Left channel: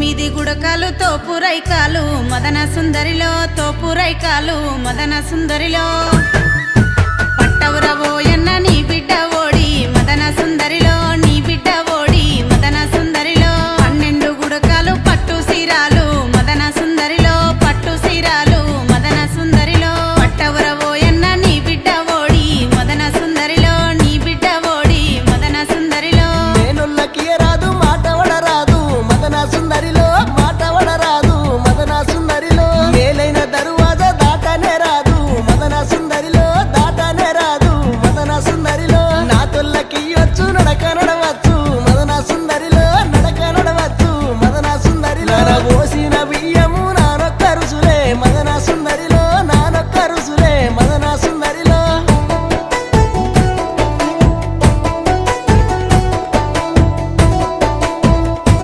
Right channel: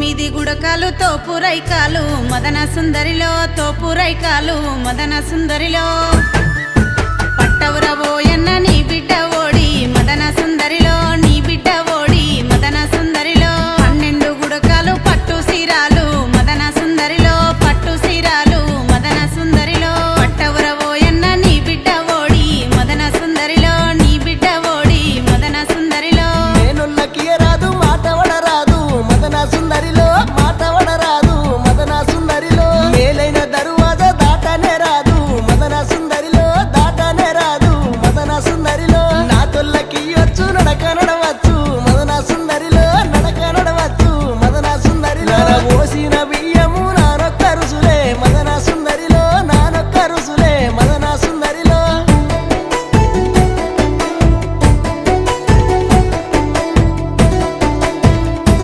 తొమ్మిది గుడకాలు తోపురైకాలు మదన సుందరిలో తోపురైకాలు మదన సుందరిలో పట్టవురవోయన్న నీ బిడ్డ ఓడి మదన సుందరిలో నీ బిడ్డ ఓడి మదన సుందరిలో 12 గుడకాలు పట్టు సీరాలు మదన సుందరిలో పట్టు సీరాలు మదన సుందరిలో పట్టవురవోయన్న నీ బిడ్డ ఓడి మదన సుందరిలో నీ బిడ్డ ఓడి మదన సుందరిలో నేనుల్లకి రాదు మాట వడరాదు మదన సుందరిలో మాట వడరాదు మదన సుందరిలో మేలైన దరువాజ దాటనే రాదు మదన సుందరిలో దాటనే రాదు మదన సుందరిలో నా తొల్లకి వచ్చు నడక నడవచ్చు మదన సుందరిలో నడక నడవచ్చు మదన సుందరిలో ఓసిన